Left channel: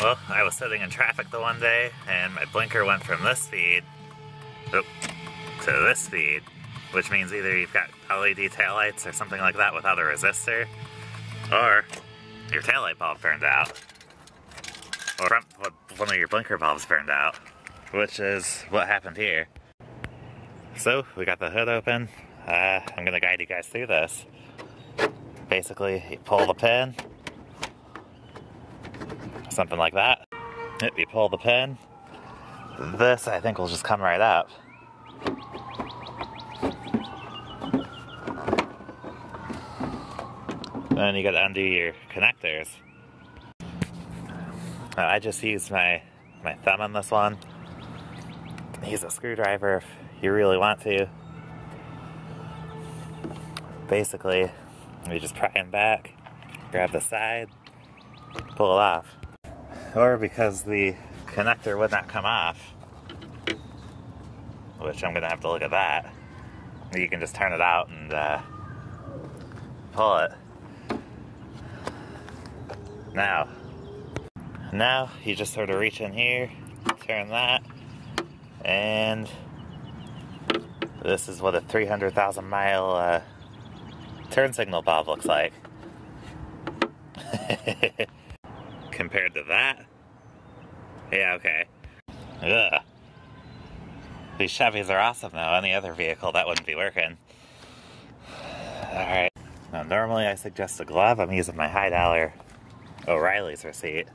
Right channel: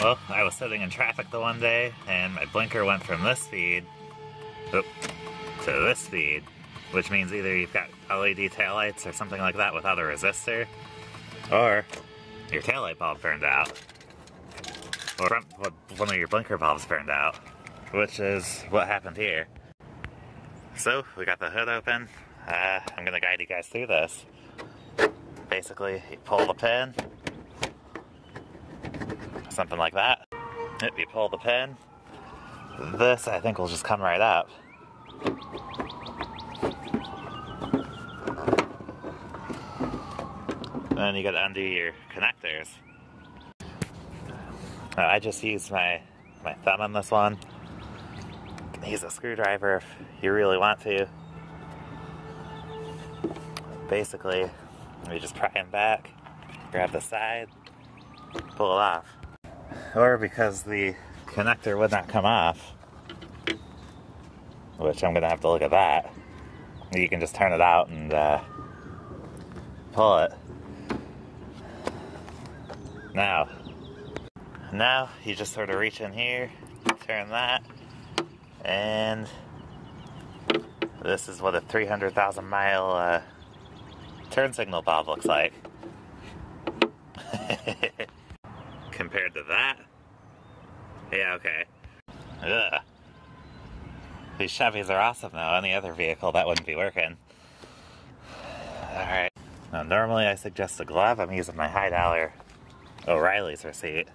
Well, I was sitting in traffic the one day, and my blinker went from this speed to this speed, which means either you've got LED taillights or something like that without a resistor, or your taillight bulb burned out, or one of your blinker bulbs burned out, which is what happened here. So, we got the hood open. I'm going to guide you guys through this. Basically, you pull the pin, something like that. Yep, you pull the pin. This, I think, will just come right up. Then you gotta undo your connectors. I just used my thumb on this one. Use a screwdriver if you really want to. Basically, you just pry them back, grab the side, pull it off. Or because the connector would not come off, which I'm gonna have to look at that, you can just turn it out and pull it. Now you just sort of reach in here, turn that, and this is what a 300,000 mile turn signal bulb looks like. Compared to that? Yeah, okay. Ugh. These Chevys are awesome though. Any other vehicle, that wouldn't be working. Alright. Now normally I suggest a glove. I'm using my high dollar O'Reilly's receipt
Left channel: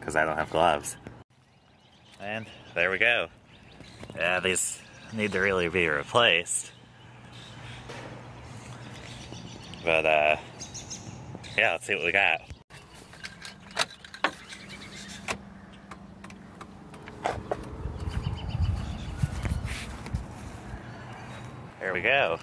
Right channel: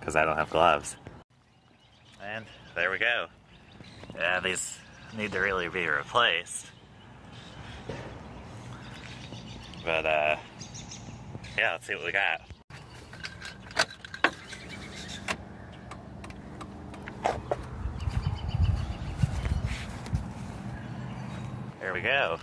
because I don't have gloves. And there we go. Yeah, these need to really be replaced. But yeah, let's see what we got. There we go.